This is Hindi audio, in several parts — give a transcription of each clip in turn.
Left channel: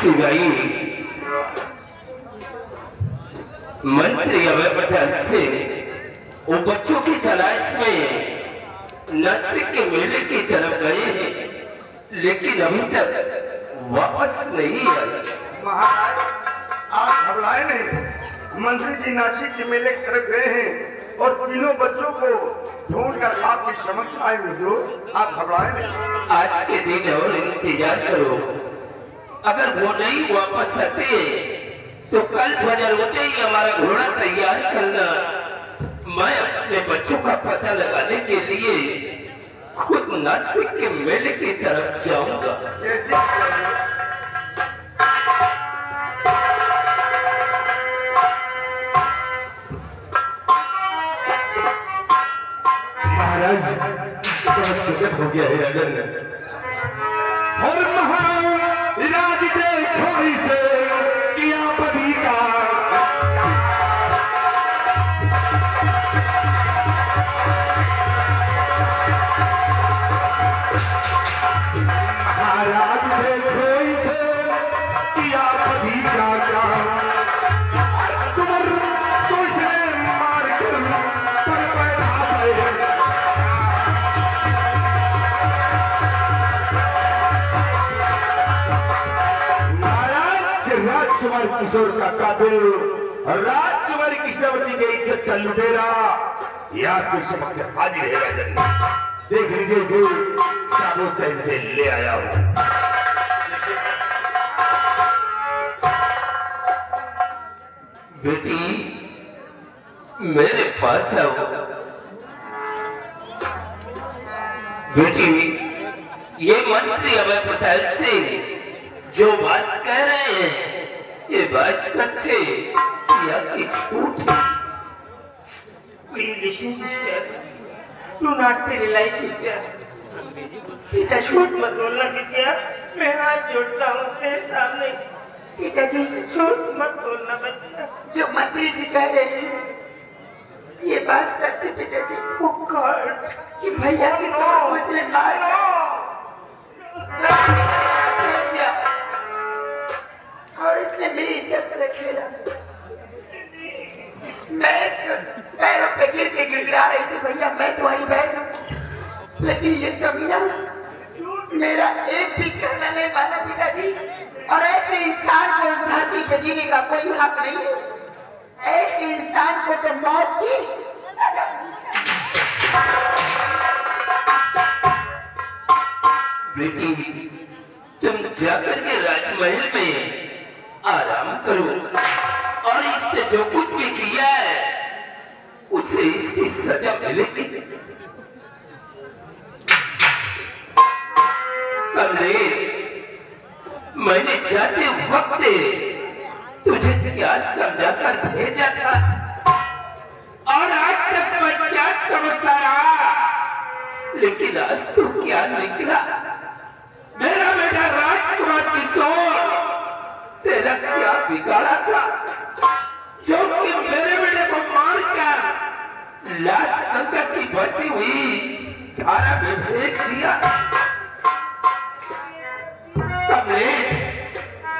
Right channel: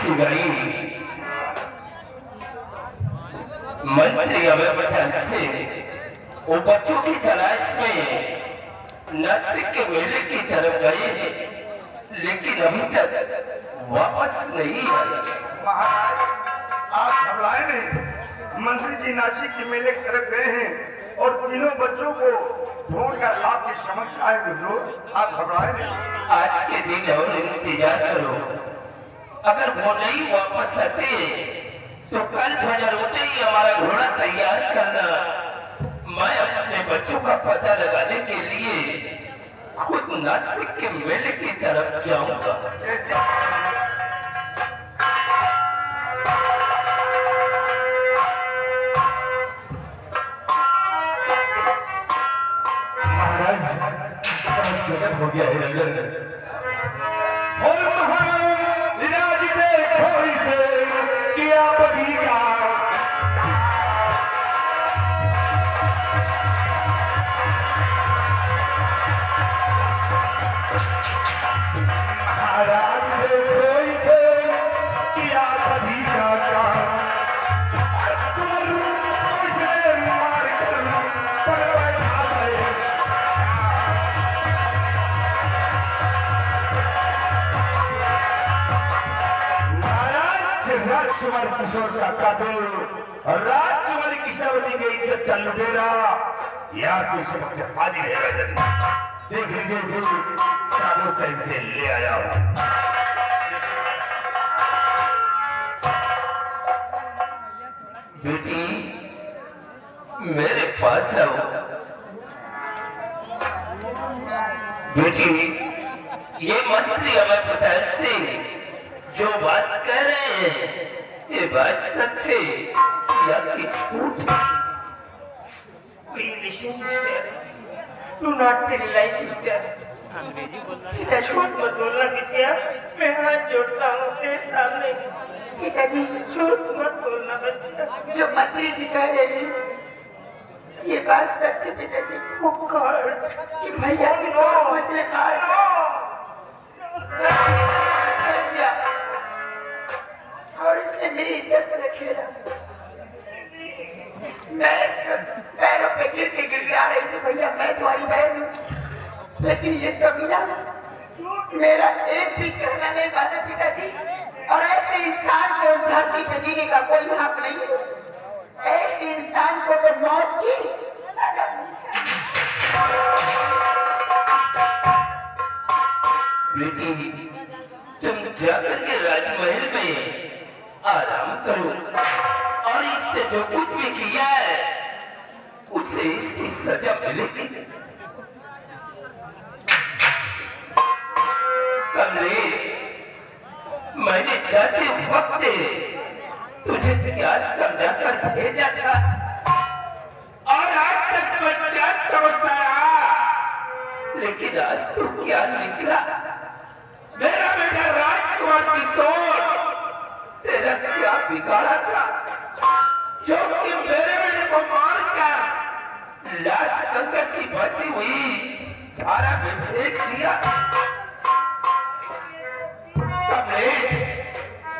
सिवाई मंत्री अवैध से वो बच्चों की तलाश में नासिक के मेले की तरफ गए हैं, लेकिन अभी तक वापस नहीं आए। महाराज, आप घबराए नहीं। मंत्री जी नासिक के मेले की तरफ गए हैं और तीनों बच्चों को ढूंढकर आपके समक्ष आएंगे। जो आप घबराए नहीं। आज के दिन और इंतजार करो, अगर वो नहीं वापस आते तो कल फजर होते ही हमारा घोड़ा तैयार करना। मैं अपने बच्चों का पता लगाने के लिए खुद नासिक के मेले की तरफ जाऊंगा। महाराज, गजब हो गया है अगर और महाराज देखो इसे किया बदी का महाराज देखो इसे किया बदी का तुम तो इसे मार कर पर बैठा राजकुमार किशोर का कातिल राजकुमारी कृष्णावती की इज्जत का लुटेरा यार कोई समझ हाजिर रहेगा। देख लीजिए इसे साबुत चैन से ले आया हूं। बेटी मेरे पास आओ। बेटी ये मंत्री अभय पटेल सिंह जो बात कह रहे हैं, ये बात सच है या कुछ झूठ है? Please listen, sister. Do not realize, sister. झूठ मत बोलना बिटिया, मैं हाथ जोड़ता हूँ उसके सामने। पिताजी झूठ मत बोलना बच्चा। जो मंत्री जी कह रहे हैं, ये बात सच है पिताजी। कि भैया किशोर मुझे मार और इसने मेरी इज्जत से खेला। मैं पैरों पे गिर के गिर आ रही थी, भैया मैं तुम्हारी बहन हूँ, लेकिन ये कमीना मेरा एक भी कहना नहीं माना पिताजी। और ऐसे इंसान को धरती पे जीने का कोई हक नहीं है। ऐसे इंसान को तो मौत की सजा। बेटी तुम जाकर के राजमहल में आराम करो और इसने जो कुछ भी किया है उसे इसकी सजा मिलेगी। कमलेश, मैंने जाते वक्त तुझे क्या समझाकर भेजा था और आज तक मैं क्या समझता रहा, लेकिन आज तू क्या निकला? मेरा बेटा राजकुमार किशोर तेरा क्या बिगाड़ा था जो कि मेरे बेटे को मारकर लाश अंदर की बहती हुई धारा में फेंक दिया? कमलेश,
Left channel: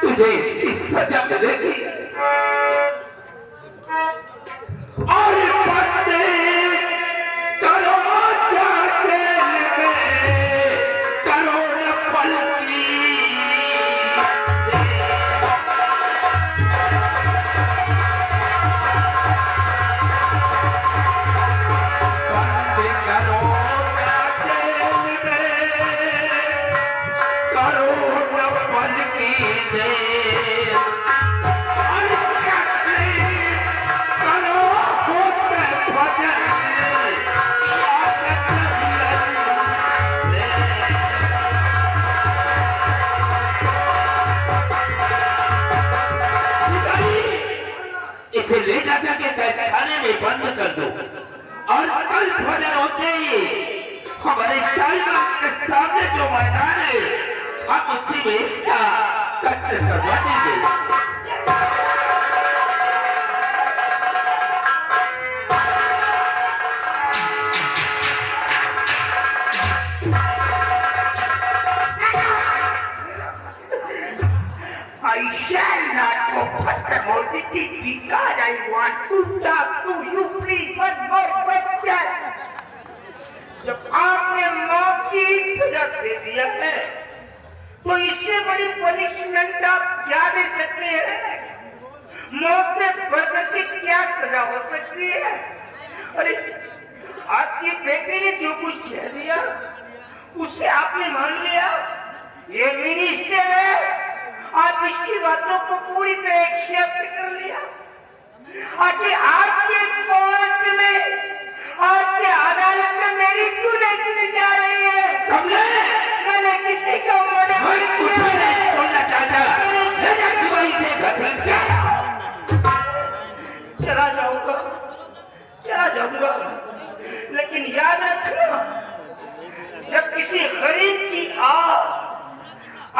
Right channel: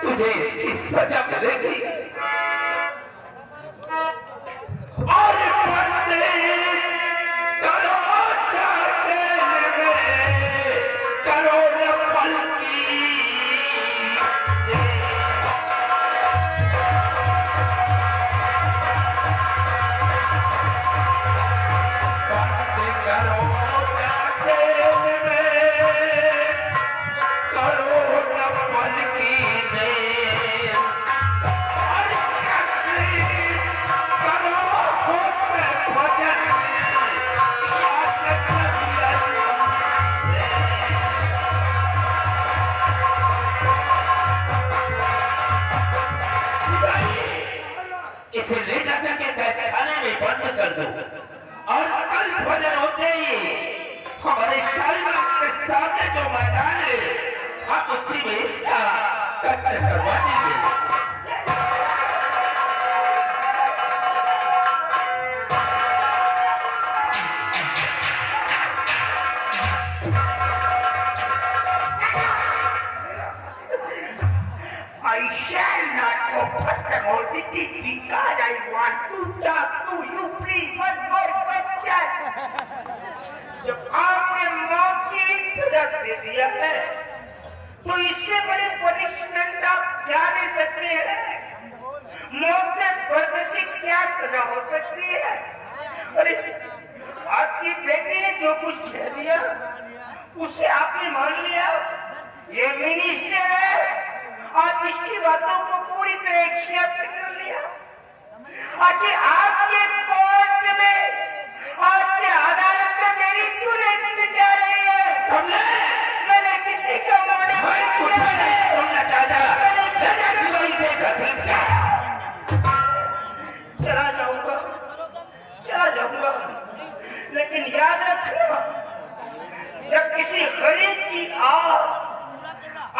तुझे इसकी सजा मिलेगी। और पत्नी करो चाहते करो न पल की खाने में बंद कर दो और कल फजर होते ही हमारे शालीमार के सामने जो मैदान है हम उसी में इसका कत्ल करवा देंगे। को फटकर मोदी की because I want to talk to you please one more question. जब आपने मौत की सजा दे दिया है तो इससे बड़ी पनिशमेंट आप क्या दे सकते हैं? मौत से बढ़कर की क्या सजा हो सकती है? अरे आपकी बेटी ने जो कुछ कह दिया उसे आपने मान लिया। ये मिनिस्टर है, आप इसकी बातों को पूरी तरह एक्सेप्ट कर लिया। आखिर आपके कोर्ट में, आपके अदालत में मेरी क्यों नहीं सुनी जा रही है? मैंने किसी का मर्डर कुछ भी नहीं सुनना चाहता। चला जाऊंगा, लेकिन याद रखना, जब किसी गरीब की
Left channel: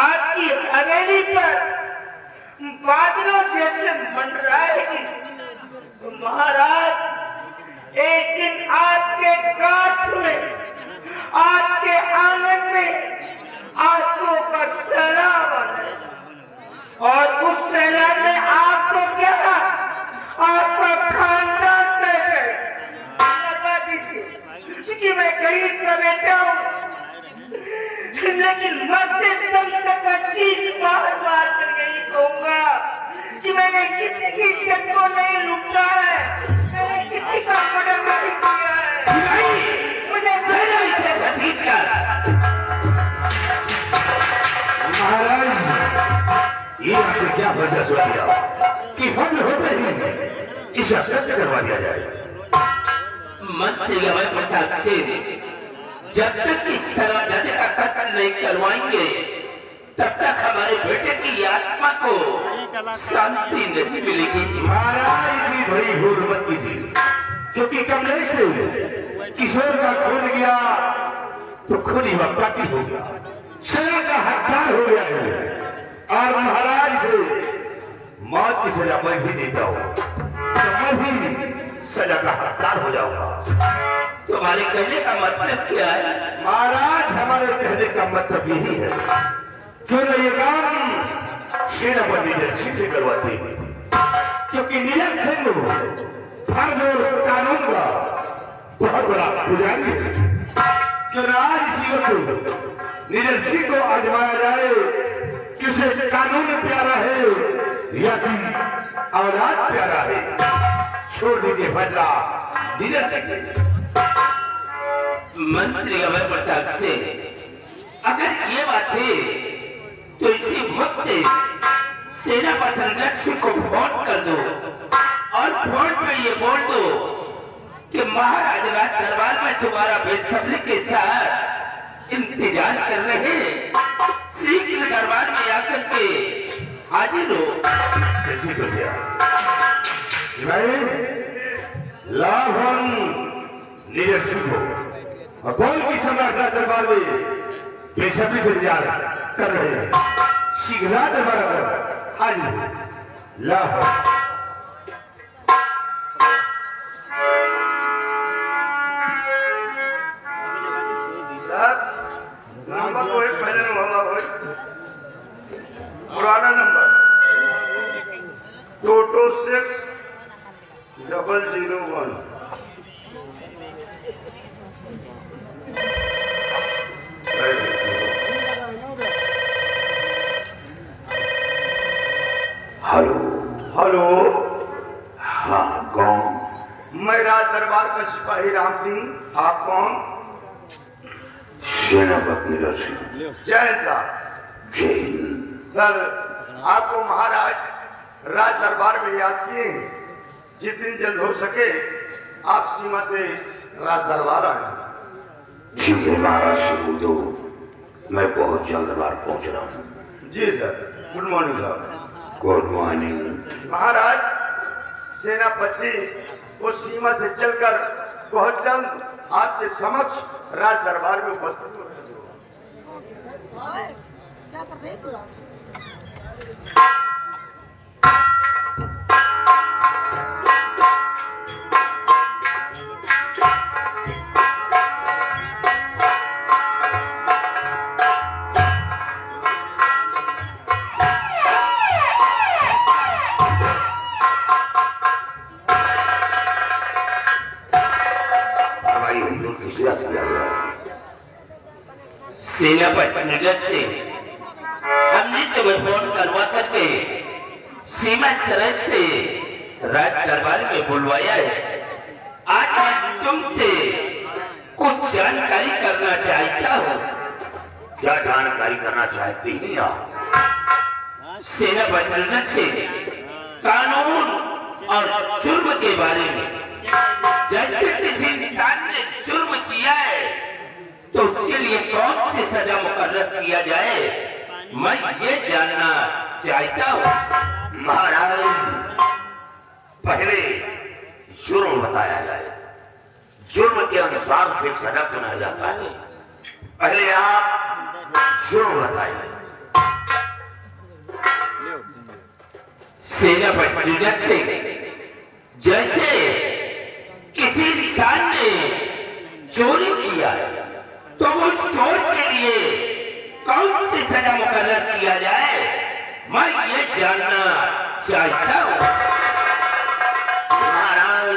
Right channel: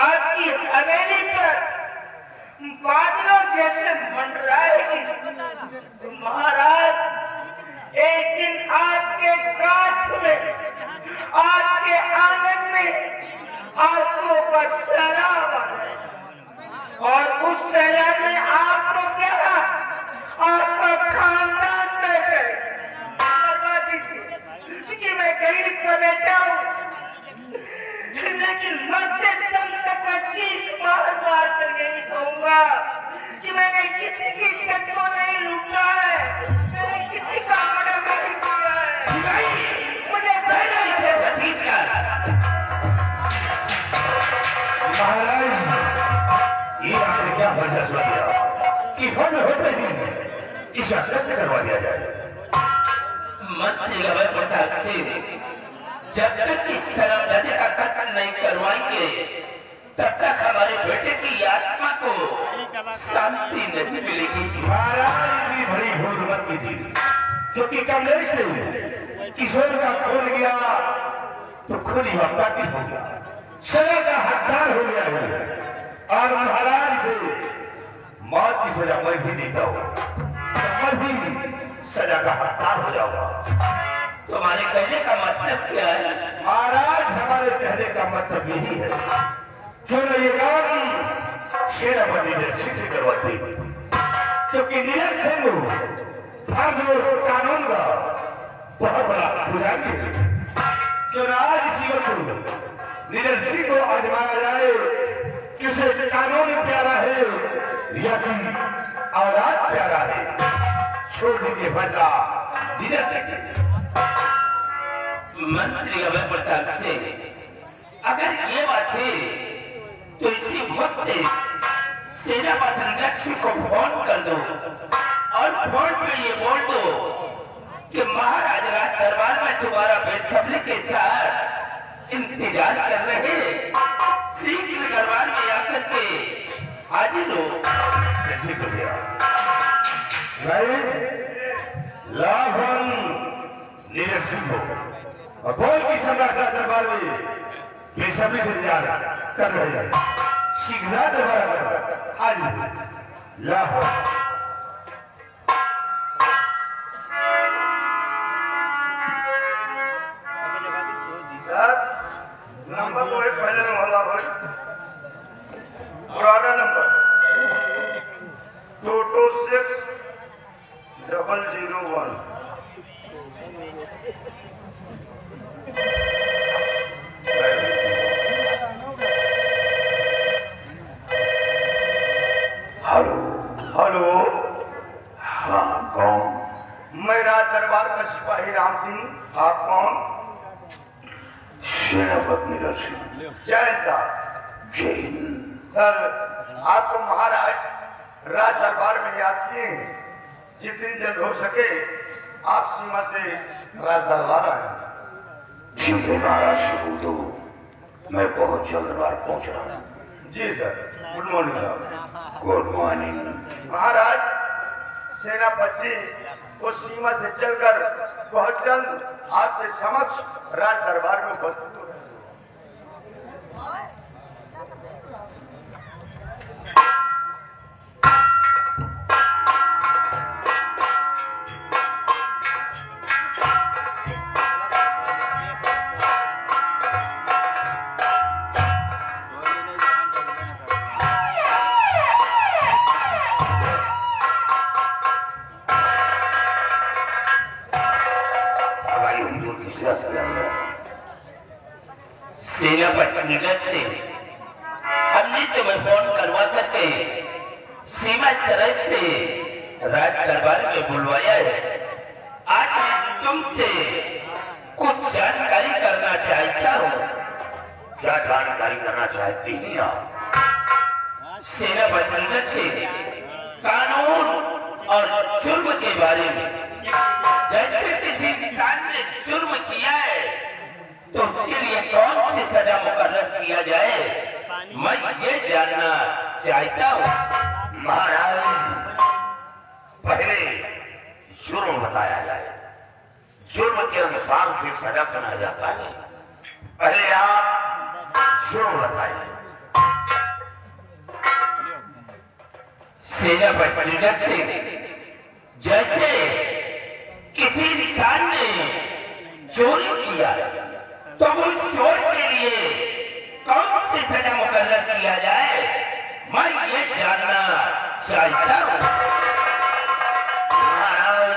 आपकी हवेली पर बादलों जैसे मंडराएगी तो महाराज एक दिन आपके काठ में, आपके आंगन में आंसुओं का सैलाब आ जाएगा और उस सैलाब में आपको क्या, आपका खानदान क्योंकि मैं गरीब का बेटा हूँ, लेकिन मरते दम तक मैं चीख मार कर नहीं कहूंगा कि मैंने किसी की इज्जत को नहीं लूटा है, मैंने किसी का मर्डर नहीं किया है। मुझे से घसीट कर महाराज, ये आपने क्या फैसला सुना दिया कि फजर होते ही इसे सत्य करवा दिया जाए? मंत्री गवाह प्रताप से जब तक इस शराबजादे का कत्ल नहीं करवाएंगे तब तक हमारे बेटे की आत्मा को शांति नहीं मिलेगी। महाराज की बड़ी भूल मत कीजिए, क्योंकि कमलेश से किशोर का खून गया तो खूनी हत्याकी हो गया, सजा का हकदार हो गया है। और महाराज से मौत की सजा पर भी जीता हो तो मैं भी सजा का हकदार हो जाऊंगा। तुम्हारे कहने का मतलब क्या है? महाराज, हमारे कहने का मतलब यही है, क्यों न ये काम सेना पर नीरज सिंह से करवाते, क्योंकि नीरज सिंह फर्ज और कानून का बहुत बड़ा पुजारी है। क्यों न आज इसी वक्त नीरज सिंह को आजमाया जाए कि उसे कानून प्यारा है या कि औलाद प्यारा है। छोड़ दीजिए फैसला नीरज सिंह। मंत्री अभय प्रताप से अगर ये बात है तो इसी वक्त सेना प्रधानाध्यक्ष को फोन कर दो और फोन पे ये बोल दो कि महाराज राज दरबार में तुम्हारा बेसब्री के साथ इंतजार कर रहे हैं। शीघ्र दरबार में आकर के हाजिर हो। कैसे कर दिया? नहीं, लाभन नीरज सिंह हो और बोल की सम्राट राज दरबार में बेसब्री से इंतजार कर रहे हैं। शीघ्र दरबार कर हाजिर लाभन। नंबर तो एक पहले में वाला हो, पुराना नंबर 226-001। हेलो हेलो, हाँ कौन? मैं राज दरबार का सिपाही राम सिंह। आप कौन? सेनापति नीरज सिंह। जय साहब। जय हिंद। सर, आपको महाराज राज दरबार में याद किए हैं। जितनी जल्द हो सके आप सीमा से राज दरबार आए। ठीक है महाराज से बोल दो, मैं बहुत जल्द दरबार पहुंच रहा हूँ। जी सर। गुड मॉर्निंग साहब। Good morning. महाराज, सेनापति वो सीमा से चलकर बहुत जल्द आपके समक्ष राज दरबार में उपस्थित हो रहे हैं। सेनापति नगर से हमने तुम्हें फोन करवा करके सीमा सरहद से राज दरबार में बुलवाया है। आज मैं तुमसे कुछ जानकारी करना चाहता हूँ। क्या जानकारी करना चाहती हैं आप? सेनापति नगर से कानून और जुर्म के बारे में। जैसे किसी इंसान ने जुर्म किया है तो उसके लिए कौन सी सजा मुकर्रर किया जाए, मैं ये जानना चाहता हूँ। महाराज, पहले जुर्म बताया जाए। जुर्म के अनुसार फिर सजा सुनाया जाता है। पहले आप जुर्म बताइए। सेनापति नगर से जैसे किसी इंसान ने चोरी किया तो उस चोर के लिए कौन सी सजा मुकर्रर किया जाए, मैं ये जानना चाहता हूँ। महाराज,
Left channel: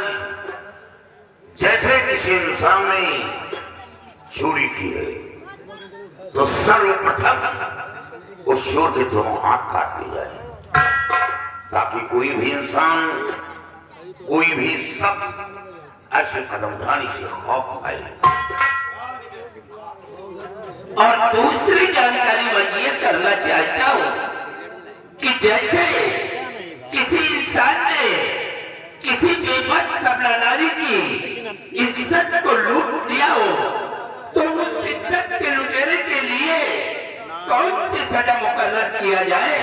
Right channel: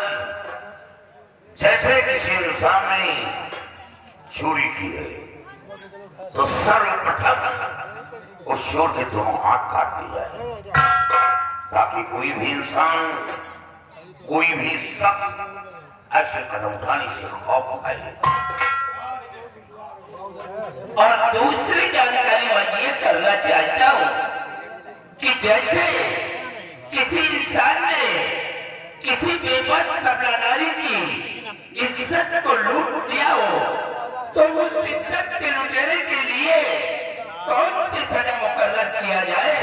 जैसे किसी इंसान ने चोरी की है तो सर्वप्रथम उस चोर के दोनों हाथ काट दिए जाए, ताकि कोई भी इंसान, कोई भी शख्स ऐसे कदम उठाने से खौफ पाए। और दूसरी जानकारी मैं ये करना चाहता हूँ कि जैसे किसी इंसान ने किसी बेबस सबला नारी की इज्जत को लूट लिया हो तो उस इज्जत के लुटेरे के लिए कौन सी सजा मुकर्रर किया जाए,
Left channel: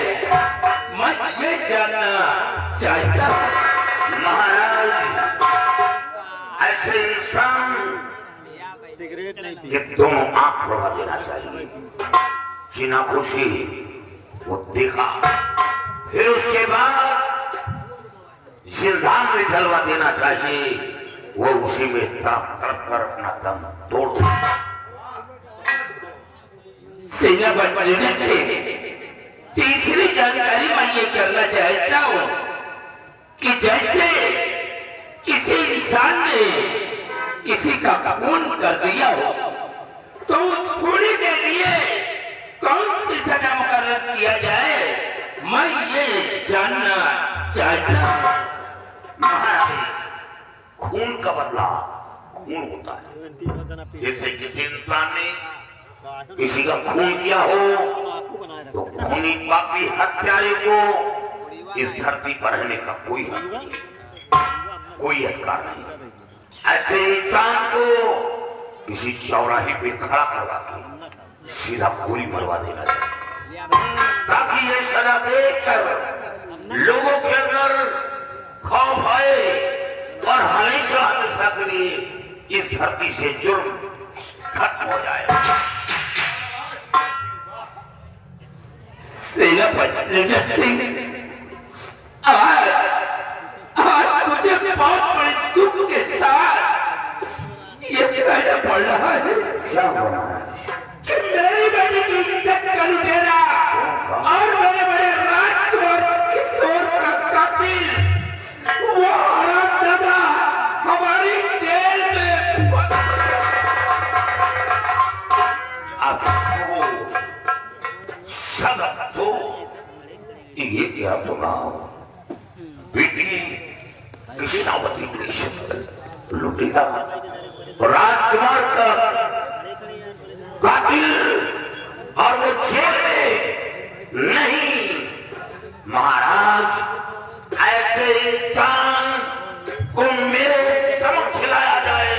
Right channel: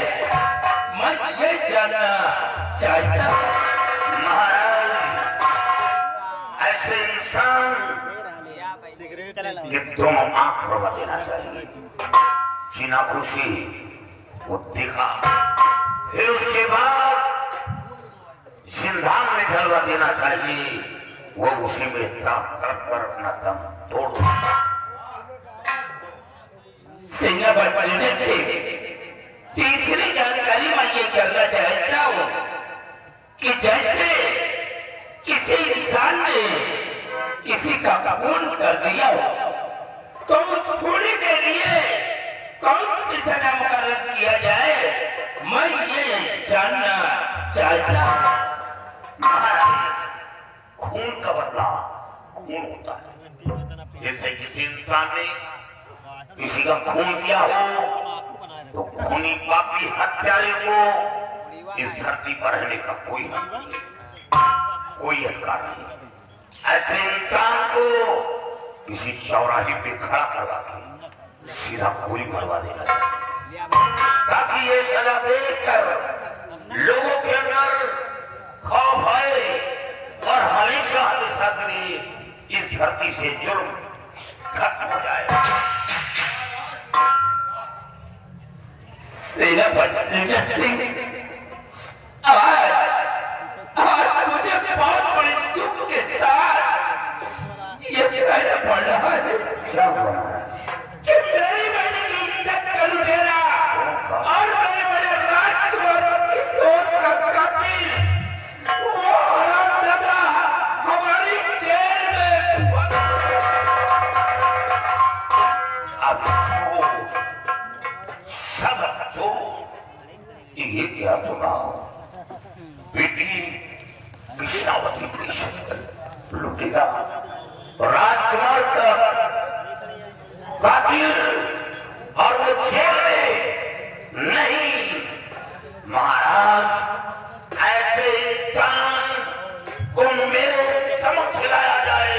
मैं ये जानना चाहता हूँ। महाराज, ऐसे इंसान ये दोनों आंख भरवा देना चाहिए। जीना खुशी वो देखा, फिर उसके बाद जिंदान में ढलवा देना चाहिए। वो उसी में तड़प तड़प कर अपना दम तोड़। सेनापति नगर से तीसरी जानकारी मैं ये करना चाहता हूँ कि जैसे किसी इंसान ने किसी का खून कर दिया हो तो उस खून के लिए कौन सी सजा मुकर्रर किया जाए, मैं ये जानना चाहता हूँ। महाराज, खून का बदला खून होता है। जैसे किसी इंसान ने किसी का खून किया हो तो खूनी पापी हत्यारे को इस धरती पर रहने का कोई हक नहीं, कोई अधिकार नहीं। ऐसे इंसान को किसी चौराहे पे खड़ा करवा के सीधा गोली मरवा देना चाहिए, ताकि ये सजा देखकर लोगों के अंदर खौफ आए और हमेशा हमेशा के लिए इस धरती से जुर्म खत्म हो जाए। सेनापति नगर सिंह, आज मुझे बहुत बड़े दुख के साथ ये कहना पड़ रहा है क्या हुआ कि मेरी बेटी की इज्जत का लुटेरा और मेरे बड़े राजकुमार किशोर का कातिल वो हरामजादा हमारी जेल में ये क्या सुना? बेटी कृष्णावती लुटेरा राजकुमार का कातिल और वो जेल में नहीं। महाराज, ऐसे इंसान को मेरे समक्ष लाया जाए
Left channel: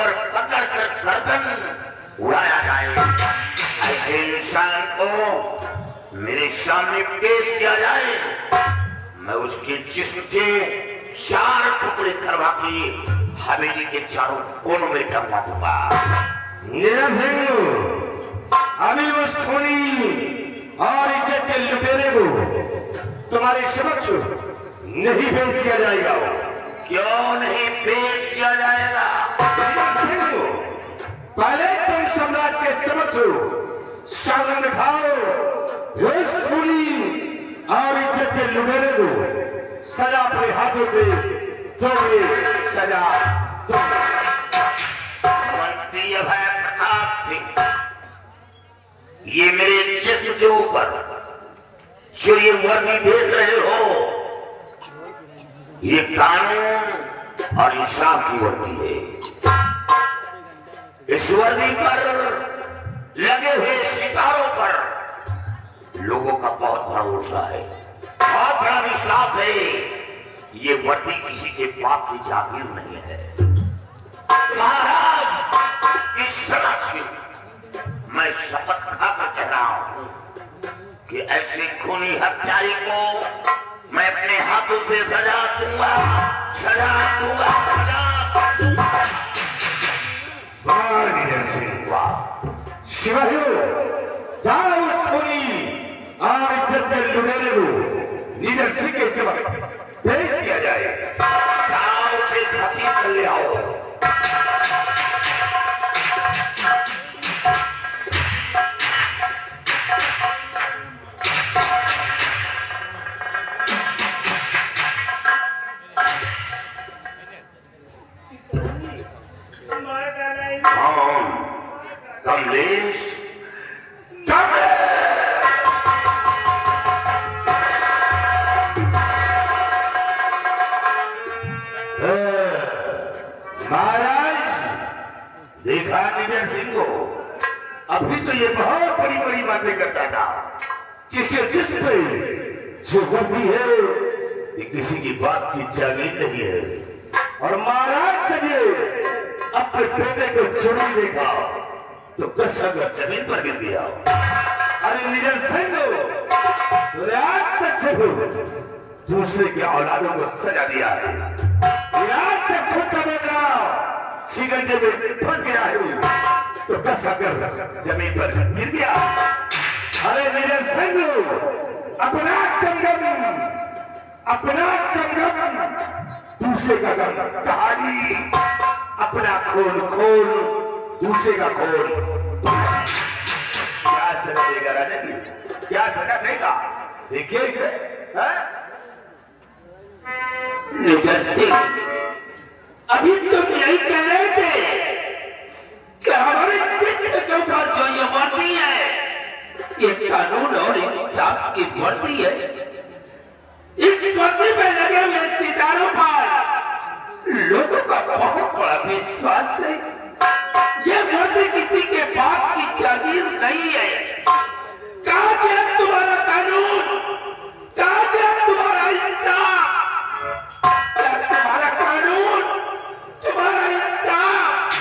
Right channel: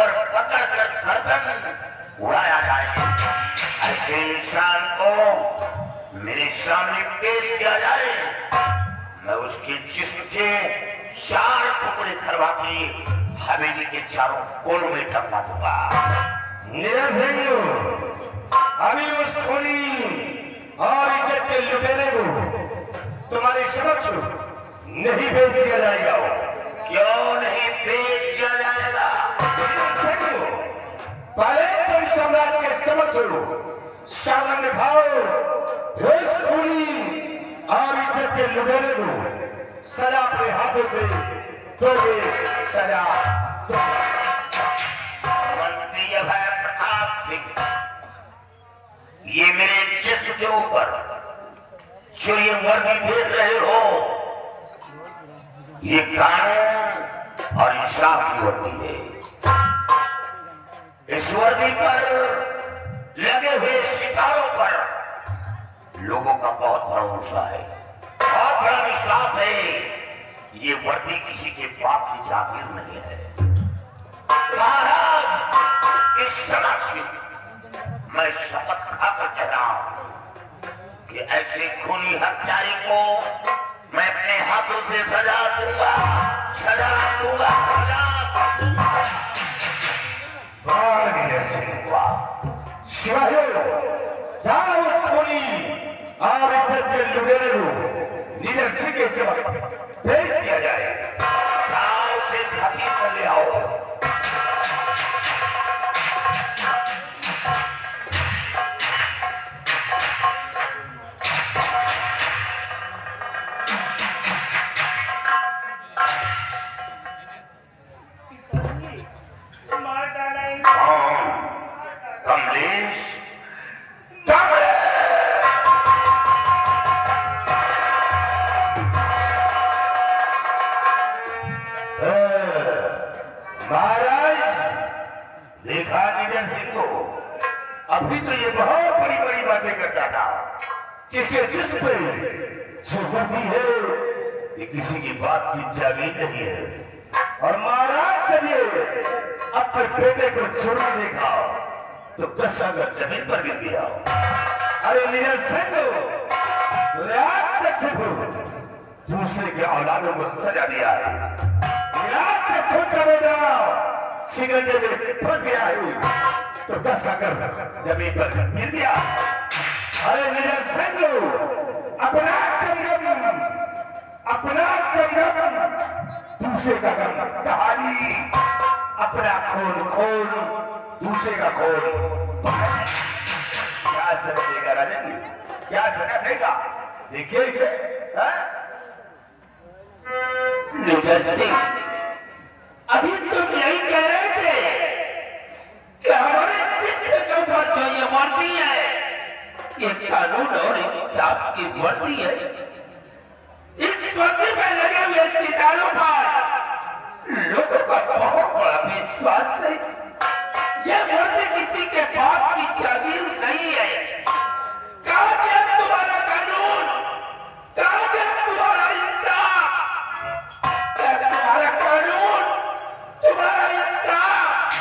और पकड़ कर गर्दन उड़ाया जाए। ऐसे इंसान को मेरे सामने पेश किया जाए, मैं उसके जिस्म के 4 टुकड़े करवा के हवेली के चारों कोनों में टंगवा दूंगा। अभी उस खूनी और इज्जत के लुटेरे को तुम्हारे समक्ष नहीं पेश किया जाएगा। क्यों नहीं पेश किया जाएगा? पहले तुम सम्राट के समक्ष शासन दिखाओ, उस खूनी और इज्जत के लुटेरे को सजा अपने हाथों से दोगे, सजा दोगे। मंत्री अभय प्रताप सिंह, ये मेरे जिस्म के ऊपर जो ये वर्दी देख रहे हो, ये कानून और इंसाफ की वर्दी है। इस वर्दी पर लगे हुए शिकारों पर लोगों का बहुत भरोसा है, बहुत बड़ा विश्वास है। ये वर्दी किसी के बाप की जागीर नहीं है। महाराज, इस समक्ष मैं शपथ खाकर कह रहा हूं कि ऐसे खूनी हत्यारे को मैं अपने हाथों से सजा दूंगा, सजा दूंगा, सजा दूंगा। जाओ उस खूनी और इज्जत के लुटेरे को लीडर सिंह के सबक भेज दिया जाए। जाओ उसे धरती पर ले आओ। कमलेश, महाराज देखा लीडर सिंह को? अभी तो ये बहुत बड़ी बड़ी बातें करता था कि जिस पर जो वर्दी है ये किसी की बात की चाली नहीं है। और महाराज करिए अपने बेटे को चुरा देगा तो कसम जमीन पर गिर दिया। अरे लीडर सिंह, रात तक से दूसरे के औलादों को सजा दिया है। रात तक खुद का बेटा सिंगंजे में फंस गया है तो कस कर जमीन पर गिर दिया। अरे लीडर सिंह, अपना कंगम दूसरे का गम, कहानी अपना खोल दूसरे का खोल। क्या सजा देगा राजन, क्या सजा देगा? देखिए इसे। लीडर सिंह, अभी तुम यही कह रहे थे कि हमारे जिस्म के ऊपर जो ये वर्दी है ये कानून और इंसाफ की वर्दी है। इस वर्दी में लगे हुए सितारों पर लोगों का बहुत बड़ा विश्वास है। ये वर्दी किसी के बाप की जागीर नहीं है। कहाँ गया तुम्हारा कानून? कहाँ गया तुम्हारा इंसाफ? तुम्हारा कानून, तुम्हारा इंसाफ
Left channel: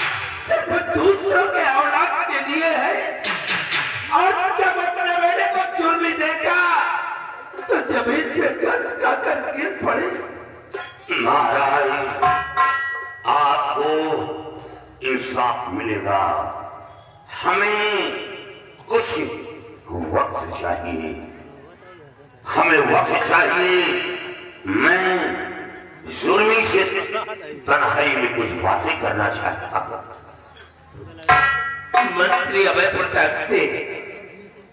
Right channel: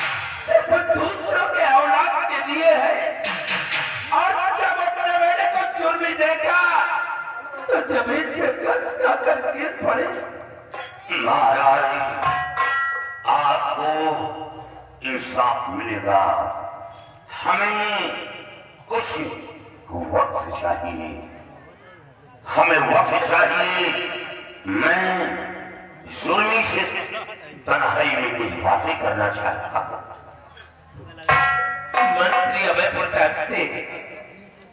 सिर्फ दूसरों के औलाद के लिए है। और जब अपने बेटे को जुर्मी देखा तो जमीन पे कस खाकर गिर पड़े। महाराज, आपको इंसाफ मिलेगा। हमें कुछ वक्त चाहिए, हमें वक्त चाहिए। मैं जुर्मी से तन्हाई में कुछ बातें करना चाहता हूं। मंत्री अभय प्रताप से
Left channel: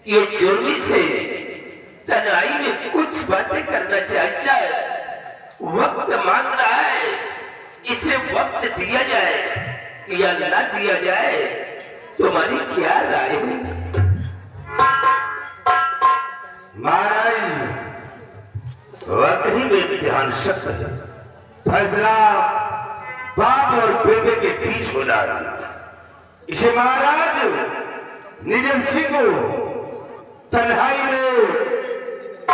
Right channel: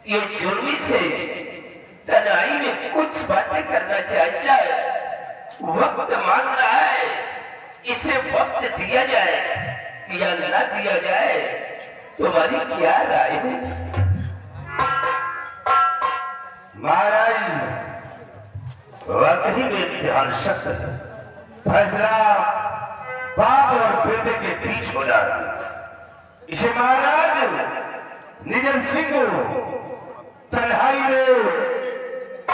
ये जुर्मी से तन्हाई में कुछ बातें करना चाहता है। वक्त मांग रहा है, इसे वक्त दिया जाए या ना दिया जाए, तुम्हारी क्या राय है? महाराज, वक्त ही में ध्यान शक्त है। फैसला बाप और बेटे के बीच हो रहा है। इसे महाराज लीडर सिंह को तन्हाई में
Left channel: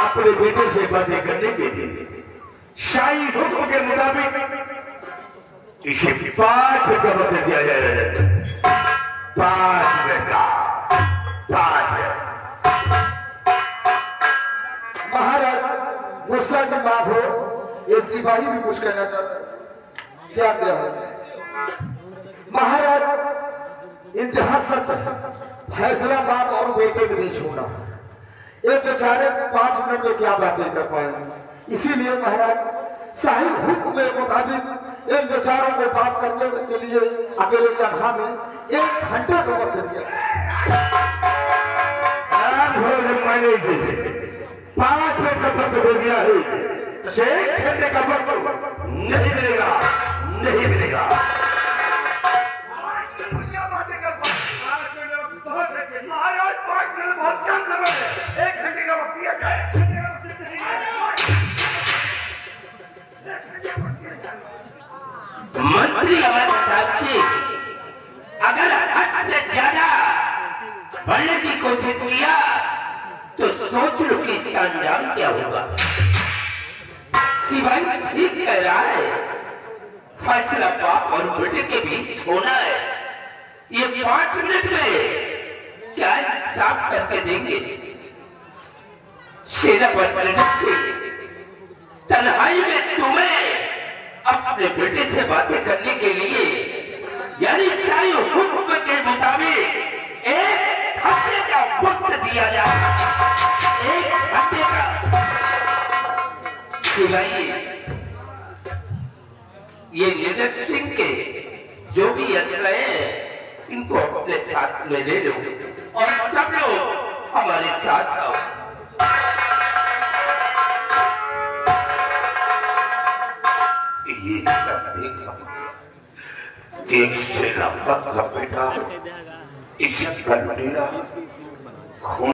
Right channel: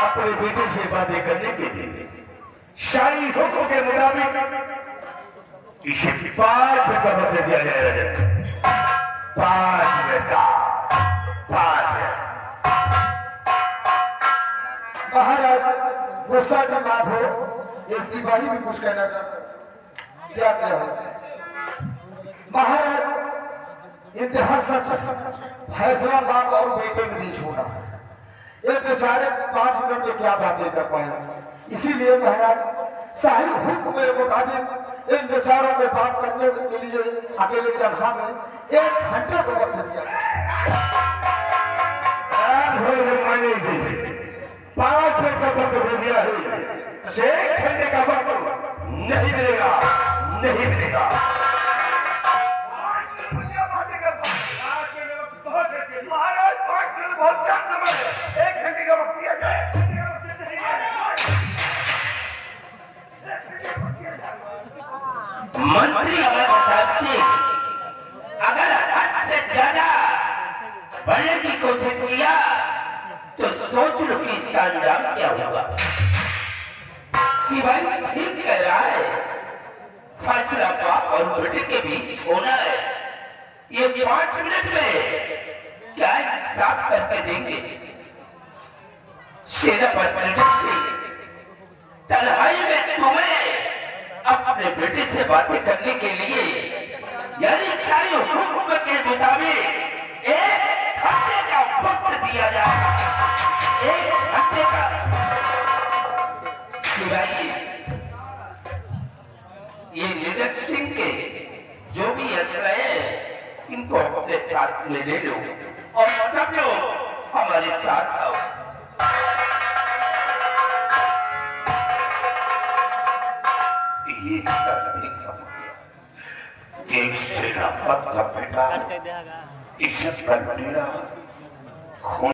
अपने बेटे से बातें करने के लिए शाही हुक्म के मुताबिक इसे 5 मिनट का वक्त दिया जाएगा। 5 मिनट का, 5 मिनट। महाराज गुस्सा की माफ हो, ये सिपाही भी कुछ कहना चाहते हैं। क्या क्या है महाराज? इंतहा सच, फैसला बाप और बेटे के बीच होना। ये बेचारे 5 मिनट में क्या बातें कर पाए। इसीलिए महाराज शाही हुक्म के मुताबिक इन बेचारों को बात करने के लिए अकेले जगह में 1 घंटे को वक्त दिया। 5 मिनट का वक्त दे दिया है, 1 घंटे का वक्त नहीं मिलेगा, नहीं मिलेगा। महाराज 5 मिनट बहुत कम समय है, 1 घंटे का वक्त दिया जाए। मंत्री अमरनाथ सिंह अगर हद से ज्यादा बढ़ने की कोशिश किया तो सोच लो कि इसका अंजाम क्या होगा। सिवाय ठीक कह रहा है, फैसला बाप और बेटे के बीच होना है। ये 5 मिनट में क्या इंसाफ करके देंगे। शेरा पर तन्हाई में तुम्हें अपने बेटे से बातें करने के लिए यानी सारी हुक्म के मुताबिक 1 घंटे का वक्त दिया जाए। 1 घंटे का। शिवाजी, ये नीरज सिंह के जो भी असले हैं इनको अपने साथ में ले लो और सब लोग हमारे साथ आओ। ये एक सेनापत का बेटा इसे कल मेरा खून